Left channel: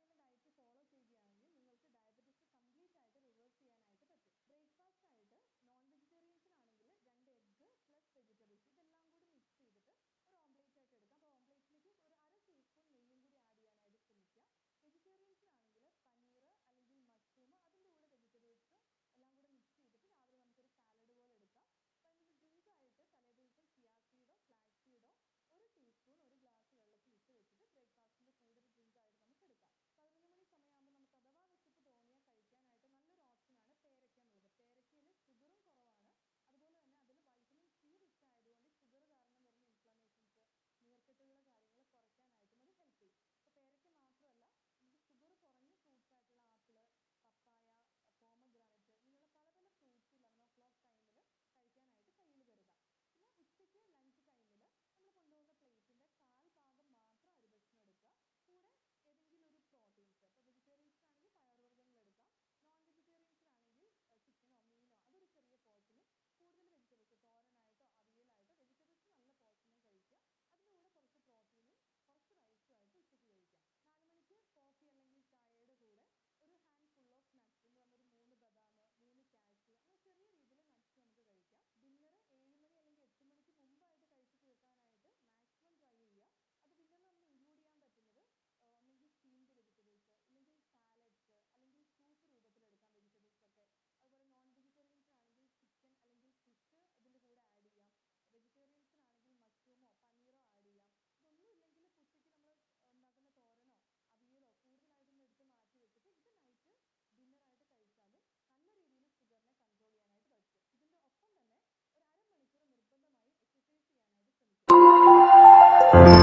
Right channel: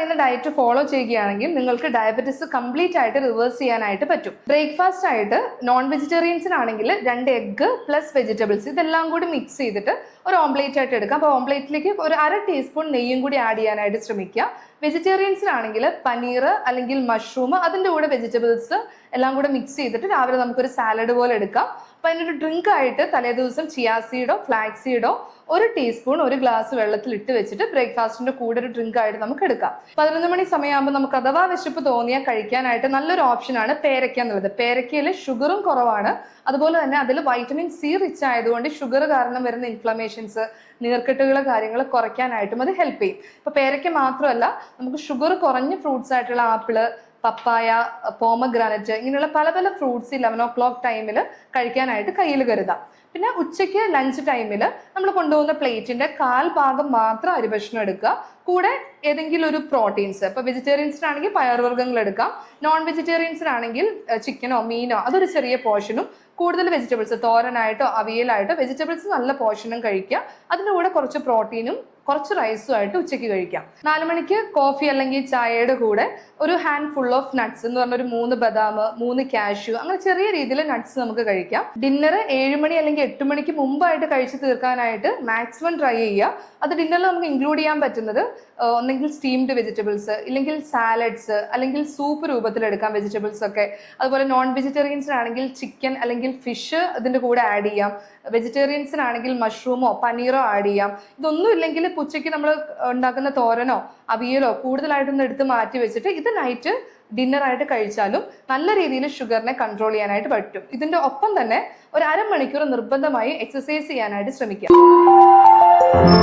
പറയുന്ന diet follow ചെയ്യുകയാണെങ്കിൽ നിങ്ങൾക്ക് ഡയബറ്റിസ് കംപ്ലീറ്റ് ആയിട്ട് റിവേഴ്സ് ചെയ്യാനായിട്ട് പറ്റും. ബ്രേക്ക്ഫാസ്റ്റ് ആയിട്ട് നോൺ വെജിറ്റേറിയൻസിനാണെങ്കിൽ 2 എഗ്ഗ് പ്ലസ് വെജിറ്റബിൾസ് ഇതെല്ലാം കൂടി മിക്സ് ചെയ്തിട്ട് ഒരു ഓംപ്ലേറ്റ് ആയിട്ട് എടുക്കാം. അപ്പോൾ ഓംപ്ലേറ്റിലേക്ക് ഒരു 1/2 ടീസ്പൂൺ നെയ്യും കൂടി ആഡ് ചെയ്യാനായിട്ട് ശ്രമിക്കുക. വെജിറ്റേറിയൻസിനാണെങ്കിൽ പനീർ അല്ലെങ്കിൽ മഷ്റൂം അതിൻ്റെ കൂടെ വെജിറ്റബിൾസ് എല്ലാം കൂടെ മിക്സ് ചെയ്തിട്ട് രാവിലെ നമുക്കൊരു സാലഡ് പോലെ എടുക്കാം. അപ്പം അതിനൊരു ഡ്രിങ്ക് ആയിട്ട് തലേദിവസം ചിയാ സീഡോ ഫ്ലാക്സ് സീഡോ 1 ടീസ്പൂൺ 1 ഗ്ലാസ് വെള്ളത്തിൽ ഇട്ട് വെച്ചിട്ട് ബ്രേക്ക്ഫാസ്റ്റിന്റെ കൂടെ ഒരു ഡ്രിങ്ക് ആയിട്ട് നമുക്ക് എടുക്കാം. 11 മണി സമയമാകുമ്പോൾ നമുക്ക് അഥവാ വിശപ്പ് തോന്നിയാൽ കഴിക്കാനായിട്ട് നല്ലൊരു ഓപ്ഷനാണ് പേരയ്ക്ക എന്നുള്ളത്. പേരയ്ക്കയിൽ ഷുഗറും കുറവാണ്, അതുപോലെ തന്നെ അതിൽ വൈറ്റമിൻ സി റിച്ച് ആയതുകൊണ്ട് ഷുഗർ കാരണം വരുന്ന ഇൻഫ്ലമേഷൻസ് നീർക്കെട്ടുകൾ കാര്യങ്ങൾ കുറയ്ക്കാനായിട്ടും അത് ഹെൽപ്പ് ചെയ്യും. ഇപ്പൊ പേരയ്ക്ക മാത്രമല്ല, നമുക്ക് ഷുഗർ കുറഞ്ഞ ഫ്രൂട്ട്സ് ആയിട്ടുള്ള ആപ്പിള്, പപ്പായ, പോമഗ്രാനറ്റ് ഇങ്ങനെയുള്ള പല പല ഫ്രൂട്ട്സ് 11 o'clock ടൈമിൽ കഴിക്കാനായിട്ട് കയ്യിൽ കരുതാം. പിന്നെ ഉച്ചയ്ക്ക് ലഞ്ച് ടൈമിൽ നമ്മൾ കൊണ്ടുപോകുന്ന പ്ലേറ്റിന്റെ 1/4 ഭാഗം മാത്രം അരിഭക്ഷണം എടുക്കുക. കൂടെ ഏതെങ്കിലും ഒരു പ്രോട്ടീൻസ്, ഇപ്പൊ വെജിറ്റേറിയൻസിനാണെങ്കിൽ പയറുവർഗ്ഗങ്ങൾ എടുക്കാം, നോൺ വെജിറ്റേറിയൻസിനാണെങ്കിൽ ചിക്കനോ മീനോ അതൊരു ചെറിയ പോർഷനും, കൂടുതൽ വെജിറ്റബിൾസ് തോരനായിട്ടോ അവിയലായിട്ടോ വെജിറ്റബിൾസ് നല്ല പോർഷനും കഴിക്കുക. അതിൻ്റെ കൂടെ കുറച്ച് പ്രോട്ടീനും കുറച്ച് റൈസും ആയിട്ട് ഉച്ചയ്ക്ക് കഴിക്കാം. 4 മണിക്ക് കോഫി അല്ലെങ്കിൽ ചായയുടെ കൂടെ ഒരു ഹാൻഡ് ഫുൾ ഓഫ് നട്ട്സ് എന്ന് പറഞ്ഞ ഒരു 3 ബദാം, 3 കാഷ്യൂ അങ്ങനെ ചെറിയ രീതിയിൽ നട്ട്സ് നമുക്ക് കഴിക്കാം. ഡിന്നർ 7 മണി അല്ലെങ്കിൽ 8 മണിക്ക് മുമ്പായിട്ട് കഴിച്ച് തീർക്കാനായിട്ട് മാക്സിമം ട്രൈ ചെയ്യുക. അത് ഡിന്നറിൽ നമുക്ക് ഇൻക്ലൂഡ് ചെയ്യാൻ പറ്റുന്നത് ഒന്നെങ്കിൽ സ്റ്റീംഡ് വെജിറ്റബിൾസ്, ഇല്ലെങ്കിൽ സാലഡ്സ്, അല്ലെങ്കിൽ സൂപ്പ് രൂപത്തിൽ എടുക്കാം വെജിറ്റബിൾസ് ഒക്കെ. അതുപോലെ നോൺ വെജിറ്റേറിയൻസിനാണെങ്കിൽ ചിക്കൻ അല്ലെങ്കിൽ ഫിഷ് ഇതിൻ്റെ കൂടെ ആഡ് ചെയ്യാം. വെജിറ്റേറിയൻസിനാണെങ്കിൽ മഷ്റൂമോ പനീറോ ആഡ് ചെയ്യാം. ഇതൊന്നും ഇല്ലെങ്കിൽ ഉച്ചയ്ക്ക് നമ്മൾ ഉണ്ടാക്കുന്ന തോരനോ അവിയലോ കൂടുതലായിട്ടൊന്ന് എടുത്ത് മാറ്റി വെച്ചിട്ട് ഇത് നൈറ്റ് ഡിന്നറായിട്ട് കഴിച്ചാലും നല്ല രീതിയിൽ ഷുഗറിനെ കൺട്രോൾ ചെയ്യാനായിട്ട് പറ്റും. ഇതിൻ്റെ ഒപ്പം തന്നെ ഒരു 1/2 മണിക്കൂർ നിർബന്ധമായി എക്സസൈസ് ചെയ്യാനായിട്ട് ശ്രമിക്കാം.